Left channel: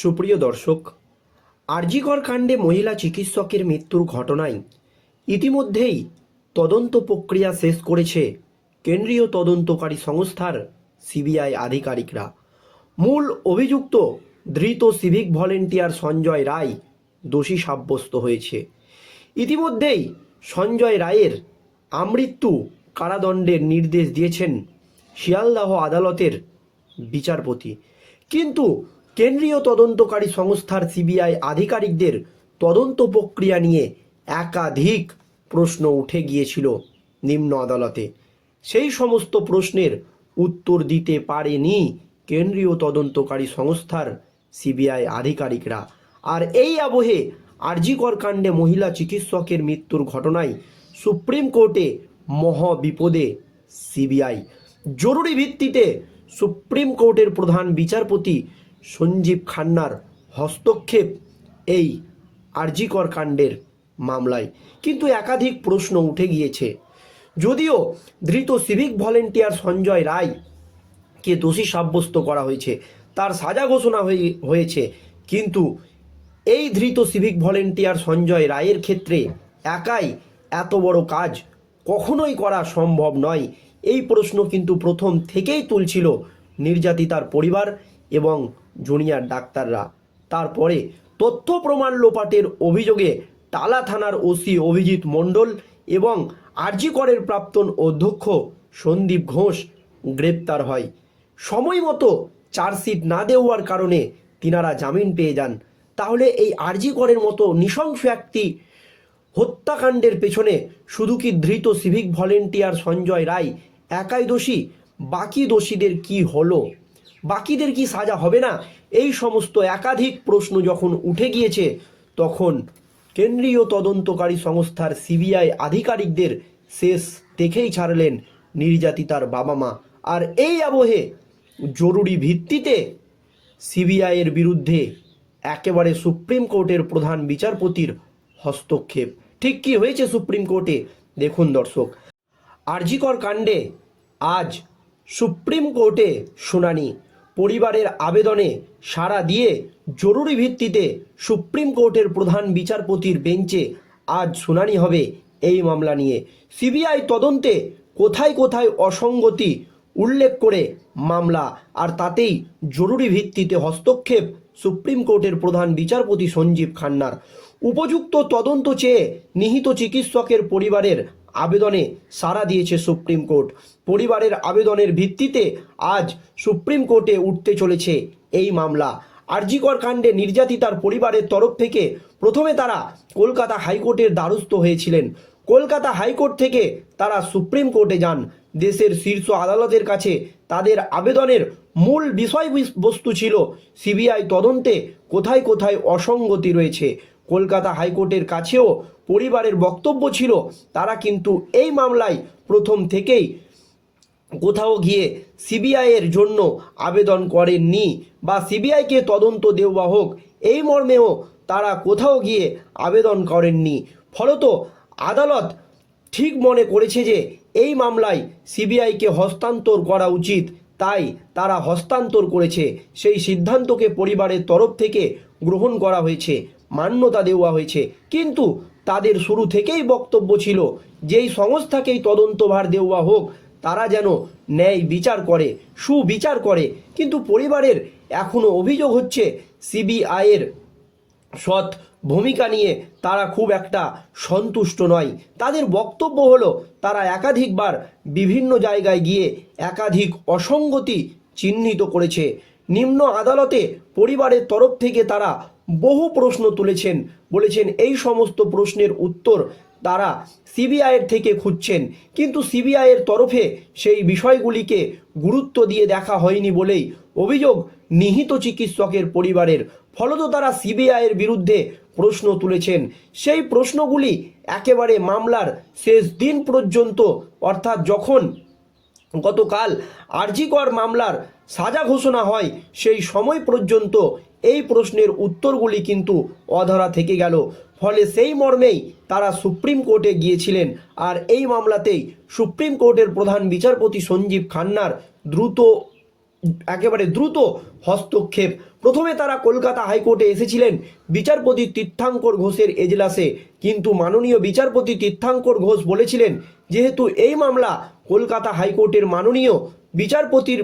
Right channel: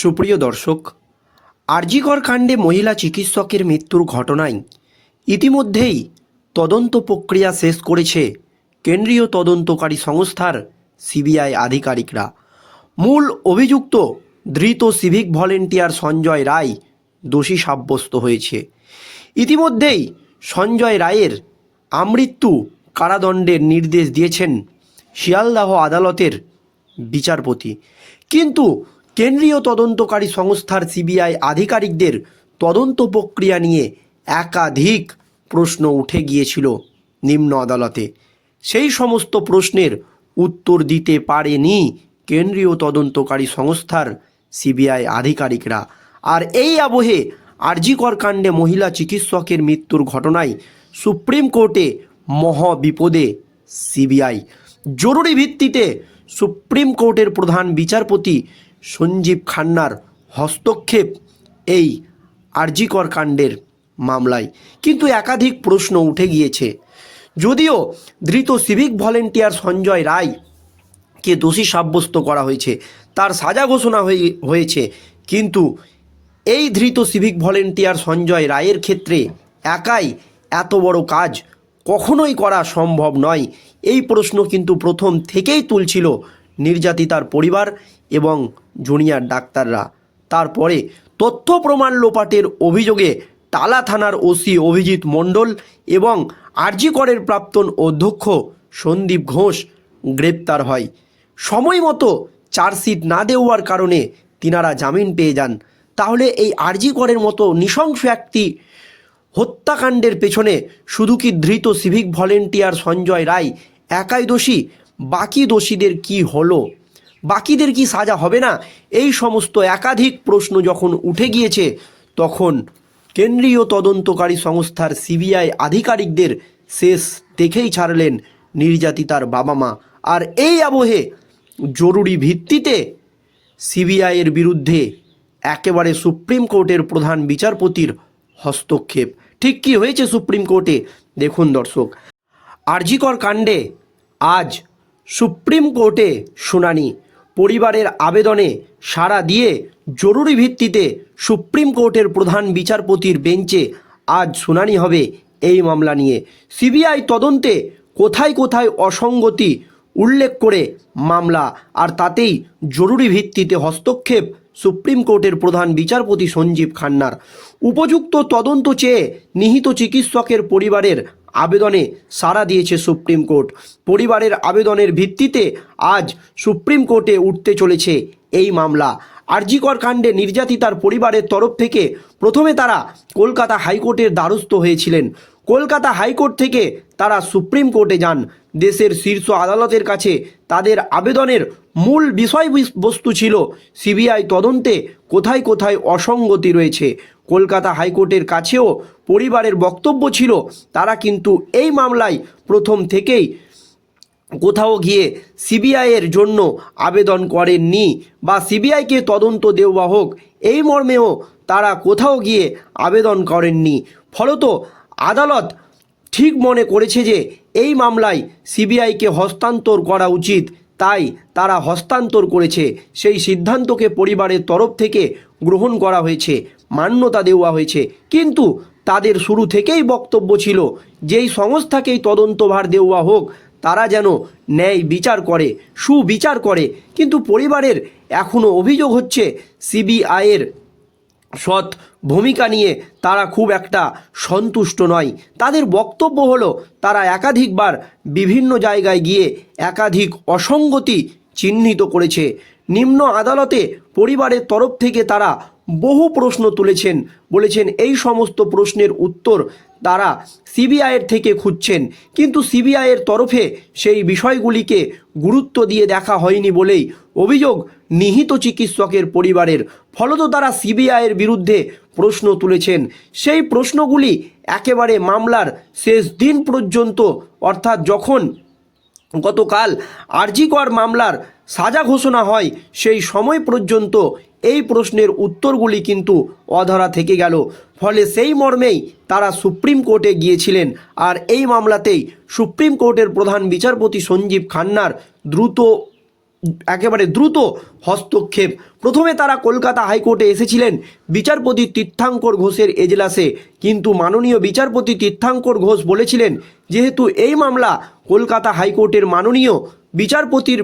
সুপ্রিয় দর্শক, আরজিকর কাণ্ডে মহিলা চিকিৎসকের মৃত্যুর ঘটনায় ইতিমধ্যেই তদন্ত প্রক্রিয়া শেষ করেছে কেন্দ্রীয় তদন্তকারী সংস্থার সিবিআই আধিকারিকরা। মূল অভিযুক্ত ধৃত সিভিক ভলেন্টিয়ার সঞ্জয় রায় দোষী সাব্যস্ত হয়েছে। ইতিমধ্যেই সঞ্জয় রায়ের আমৃত্যু কারাদণ্ডের নির্দেশ দিয়েছেন শিয়ালদাহ আদালতের বিচারপতি। কিন্তু কেন্দ্রীয় তদন্তকারী সংস্থার সিবিআই আধিকারিকদের তদন্ত প্রক্রিয়া নিয়ে একাধিক প্রশ্ন উঠে গিয়েছিল নিম্ন আদালতে। সেই সমস্ত প্রশ্নের উত্তর দিতে পারেনি কেন্দ্রীয় তদন্তকারী সংস্থার সিবিআই আধিকারিকরা। আর এই আবহে আরজিকর কাণ্ডে মহিলা চিকিৎসকের মৃত্যুর ঘটনায় সুপ্রিম কোর্টে মহাবিপদে সিবিআই। জরুরি ভিত্তিতে সুপ্রিম কোর্টের প্রধান বিচারপতি সঞ্জীব খান্নার হস্তক্ষেপ এই আরজিকর কাণ্ডের মামলায়। কিন্তু একাধিক প্রশ্ন উঠে গিয়েছে। যদিও ধৃত সিভিক ভলেন্টিয়ার সঞ্জয় রায় কে দোষী সাব্যস্ত করা হয়েছে, তার সাজা ঘোষণা হয়ে, হয়েছে। কিন্তু এই ধৃত সিভিক ভলেন্টিয়ার সঞ্জয় রায়ের ক্ষেত্রে একাই এত বড় কাজ কখনোই করা সম্ভব নয়। এই প্রশ্ন কিন্তু প্রথম থেকেই তুলছিল নির্যাতিতার পরিবার এবং জুনিয়র ডাক্তাররা। তারপরে তথ্য প্রমাণ লোপাটের অভিযোগে টালা থানার ওসি অভিজিৎ মণ্ডল এবং আরজি করের প্রাক্তন অধ্যক্ষ সন্দীপ ঘোষ গ্রেপ্তার হয়। সময় মতো চার্জশিট না দেওয়ার কারণে তিনারা জামিন পেয়ে যান। তাহলে এই আরজি করের মতো নৃশংস একটি হত্যাকাণ্ডের পেছনে শুধু কি ধৃত সিভিক ভলেন্টিয়ার সঞ্জয় রায় একাই দোষী বাকি দোষীদের কি হলো? বাকিদের কি সাজা হবে না? এই সমস্ত একাধিক প্রশ্ন যখন উঠে গিয়েছে, তখন কেন্দ্রীয় তদন্তকারী সংস্থার সিবিআই আধিকারিকদের শেষ দেখেই ছাড়লেন নির্যাতিতার বাবা মা। আর এই আবহে জরুরি ভিত্তিতে সিবিআইয়ের বিরুদ্ধে একেবারে সুপ্রিম কোর্টের প্রধান বিচারপতির হস্তক্ষেপ। ঠিক কি হয়েছে সুপ্রিম কোর্টে? দেখুন দর্শক। আরজিকর কাণ্ডে আজ সুপ্রিম কোর্টে শুনানি। পরিবারের আবেদনে সাড়া দিয়ে জরুরি ভিত্তিতে সুপ্রিম কোর্টের প্রধান বিচারপতির বেঞ্চে আজ শুনানি হবে এই মামলা নিয়ে। সিবিআই তদন্তে কোথায় কোথায় অসঙ্গতি উল্লেখ করে মামলা, আর তাতেই জরুরি ভিত্তিতে হস্তক্ষেপ সুপ্রিম কোর্টের প্রধান বিচারপতি সঞ্জীব খান্নার। উপযুক্ত তদন্ত চেয়ে নিহিত চিকিৎসকের পরিবারের আবেদনে সাড়া দিয়েছে সুপ্রিম কোর্ট। পরিবারের আবেদনের ভিত্তিতে আজ সুপ্রিম কোর্টে উঠতে চলেছে এই মামলা। আরজিকর কাণ্ডে নির্যাতিতার পরিবারের তরফ থেকে প্রথমে তারা কলকাতা হাইকোর্টের দ্বারস্থ হয়েছিলেন। কলকাতা হাইকোর্ট থেকে তারা সুপ্রিম কোর্টে যান। দেশের শীর্ষ আদালতের কাছে তাদের আবেদনের মূল বিষয়বস্তু ছিল সিবিআই তদন্তে কোথায় কোথায় অসঙ্গতি রয়েছে। কলকাতা হাইকোর্টের কাছেও পরিবারের বক্তব্য ছিল, তারা কিন্তু এই মামলায় প্রথম থেকেই কোথাও গিয়ে সিবিআইয়ের জন্য আবেদন করেননি বা সিবিআইকে তদন্ত দেওয়া হোক, এই মর্মেও তারা কোথাও গিয়ে আবেদন করেননি। ফলত আদালত ঠিক মনে করেছে যে এই মামলায় সিবিআইকে হস্তান্তর করা উচিত, তাই তারা হস্তান্তর করেছে। সেই সিদ্ধান্তকে পরিবারের তরফ থেকে গ্রহণ করা হয়েছে। মান্যতা দেওয়া হয়েছে। কিন্তু তাদের শুরু থেকেই বক্তব্য ছিল, যেই সংস্থাকেই তদন্তভার দেওয়া হোক, তারা যেন ন্যায় বিচার করে, সুবিচার করে। কিন্তু পরিবারের এখনও অভিযোগ হচ্ছে, সিবিআইয়ের সৎ ভূমিকা নিয়ে তারা খুব একটা সন্তুষ্ট নয়। তাদের বক্তব্য হলো, তারা একাধিকবার বিভিন্ন জায়গায় গিয়ে একাধিক অসঙ্গতি চিহ্নিত করেছে। নিম্ন আদালতে পরিবারের তরফ থেকে তারা বহু প্রশ্ন তুলেছেন, বলেছেন এই সমস্ত প্রশ্নের উত্তর তারা সিবিআইয়ের থেকে খুঁজছেন। কিন্তু সিবিআইয়ের তরফে সেই বিষয়গুলিকে গুরুত্ব দিয়ে দেখা হয়নি বলেই অভিযোগ নিহিত চিকিৎসকের পরিবারের। ফলত তারা সিবিআইয়ের বিরুদ্ধে প্রশ্ন তুলেছেন। সেই প্রশ্নগুলি একেবারে মামলার শেষ দিন পর্যন্ত, অর্থাৎ যখন গতকাল আরজিকর মামলার সাজা ঘোষণা হয়, সেই সময় পর্যন্ত এই প্রশ্নের উত্তরগুলি কিন্তু অধরা থেকে গেল। ফলে সেই মর্মেই তারা সুপ্রিম কোর্টে গিয়েছিলেন আর এই মামলাতেই সুপ্রিম কোর্টের প্রধান বিচারপতি সঞ্জীব খান্নার দ্রুত, একেবারে দ্রুত হস্তক্ষেপ। প্রথমে তারা কলকাতা হাইকোর্টে এসেছিলেন বিচারপতি তীর্থাঙ্কর ঘোষের এজলাসে। কিন্তু মাননীয় বিচারপতি তীর্থাঙ্কর ঘোষ বলেছিলেন, যেহেতু এই মামলা কলকাতা হাইকোর্টের মাননীয় বিচারপতির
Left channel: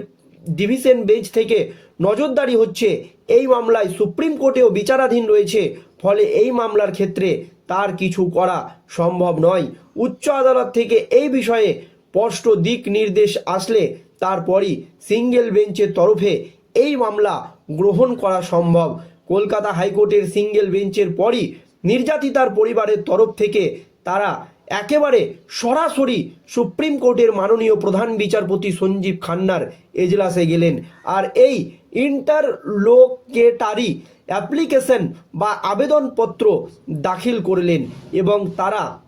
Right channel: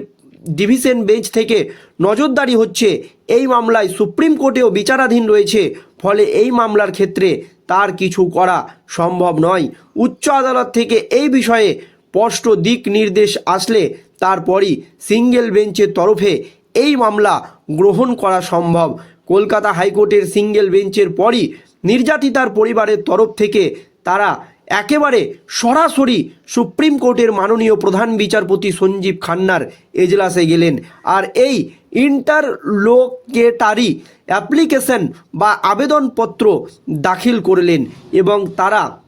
ডিভিশন বেঞ্চ থেকে নজরদারি হচ্ছে। এই মামলায় সুপ্রিম কোর্টেও বিচারাধীন রয়েছে। ফলে এই মামলার ক্ষেত্রে তার কিছু করা সম্ভব নয়। উচ্চ আদালত থেকে এই বিষয়ে স্পষ্ট দিক নির্দেশ আসলে তারপরই সিঙ্গেল বেঞ্চের তরফে এই মামলা গ্রহণ করা সম্ভব। কলকাতা হাইকোর্টের সিঙ্গেল বেঞ্চের পরই নির্যাতিতার পরিবারের তরফ থেকে তারা একেবারে সরাসরি সুপ্রিম কোর্টের মাননীয় প্রধান বিচারপতি সঞ্জীব খান্নার এজলাসে গেলেন। আর এই ইন্টারলোকেটারি অ্যাপ্লিকেশন বা আবেদনপত্র দাখিল করলেন এবং তারা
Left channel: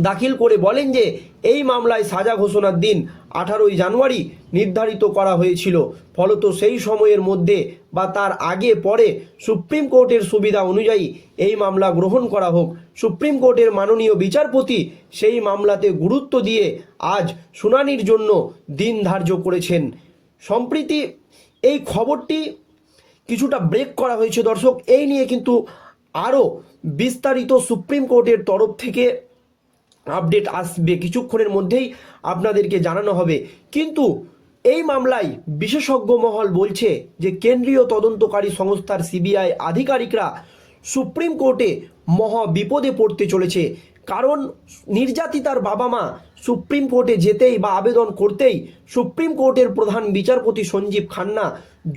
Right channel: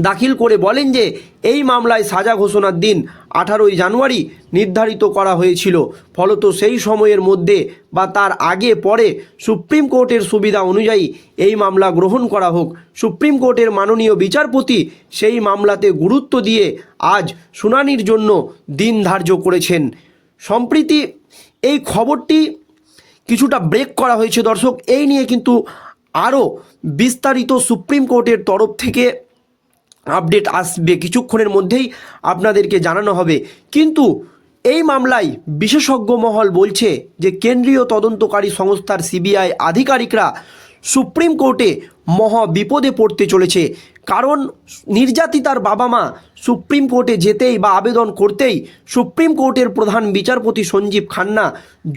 দাখিল করে বলেন যে, এই মামলায় সাজা ঘোষণার দিন আঠারোই জানুয়ারি নির্ধারিত করা হয়েছিল। ফলত সেই সময়ের মধ্যে বা তার আগে পরে সুপ্রিম কোর্টের সুবিধা অনুযায়ী এই মামলা গ্রহণ করা হোক। সুপ্রিম কোর্টের মাননীয় বিচারপতি সেই মামলাতে গুরুত্ব দিয়ে আজ শুনানির জন্য দিন ধার্য করেছেন। সম্প্রীতি এই খবরটি কিছুটা ব্রেক করা হয়েছে দর্শক। এই নিয়ে কিন্তু আরও বিস্তারিত সুপ্রিম কোর্টের তরফ থেকে আপডেট আসবে। কিছুক্ষণের মধ্যেই আপনাদেরকে জানানো হবে। কিন্তু এই মামলায় বিশেষজ্ঞ মহল বলছে যে কেন্দ্রীয় তদন্তকারী সংস্থার সিবিআই আধিকারিকরা সুপ্রিম কোর্টে মহা বিপদে পড়তে চলেছে। কারণ নির্যাতিতার বাবা মা সুপ্রিম কোর্টে যেতেই বা আবেদন করতেই সুপ্রিম কোর্টের প্রধান বিচারপতি সঞ্জীব খান্না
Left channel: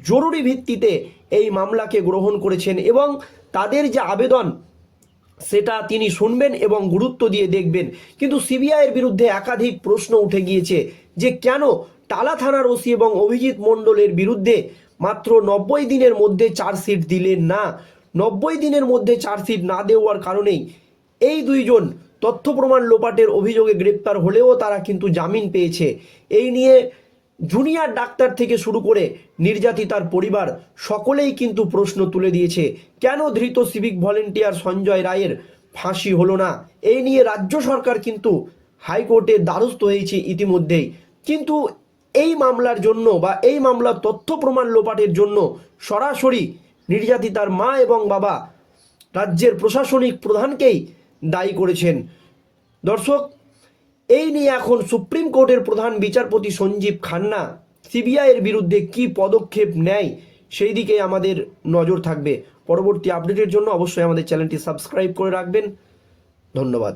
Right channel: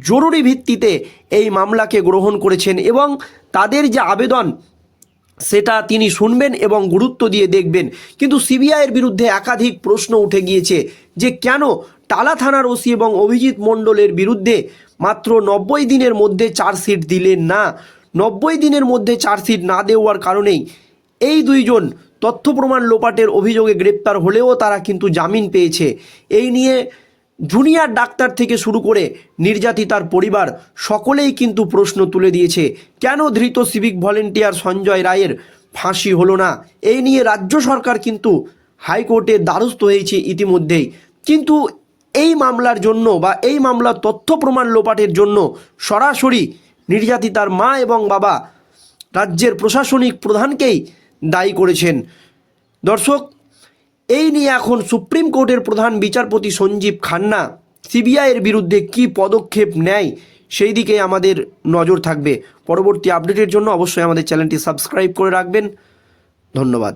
জরুরি ভিত্তিতে এই মামলাকে গ্রহণ করেছেন এবং তাদের যে আবেদন সেটা তিনি শুনবেন এবং গুরুত্ব দিয়ে দেখবেন। কিন্তু সিবিআইয়ের বিরুদ্ধে একাধিক প্রশ্ন উঠে গিয়েছে যে কেন টালা থানার ওসি এবং অভিজিৎ মণ্ডলের বিরুদ্ধে মাত্র নব্বই দিনের মধ্যে চার্জশিট দিলেন না। নব্বই দিনের মধ্যে চার্জশিট না দেওয়ার কারণেই এই দুইজন তথ্য প্রমাণ লোপাটের অভিযোগে গ্রেপ্তার হলেও তারা কিন্তু জামিন পেয়েছে। এই নিয়ে জুনিয়র ডাক্তার থেকে শুরু করে নির্যাতিতার পরিবার, সকলেই কিন্তু প্রশ্ন তুলে দিয়েছে, কেন ধৃত সিভিক ভলেন্টিয়ার সঞ্জয় রায়ের ফাঁসি হলো না? এই নিয়ে রাজ্য সরকার কিন্তু হাইকোর্টের দ্বারস্থ হয়েছে ইতিমধ্যেই। কিন্তু এই মামলার জন্য বা এই মামলার তথ্য প্রমাণ লোপাটের জন্য সরাসরি নির্যাতিতার মা এবং বাবা রাজ্যের প্রশাসনিক প্রধানকেই দায়ী করেছেন। দর্শক এই নিয়ে এখন সুপ্রিম কোর্টের প্রধান বিচারপতি সঞ্জীব খান্না সিবিআইয়ের বিরুদ্ধে কি পদক্ষেপ নেয়, সেই দিকে আমাদের নজর থাকবে। পরবর্তী আপডেটের জন্য অবশ্যই আমাদের চ্যানেলটি সাবস্ক্রাইব করে রাখবেন। ধন্যবাদ।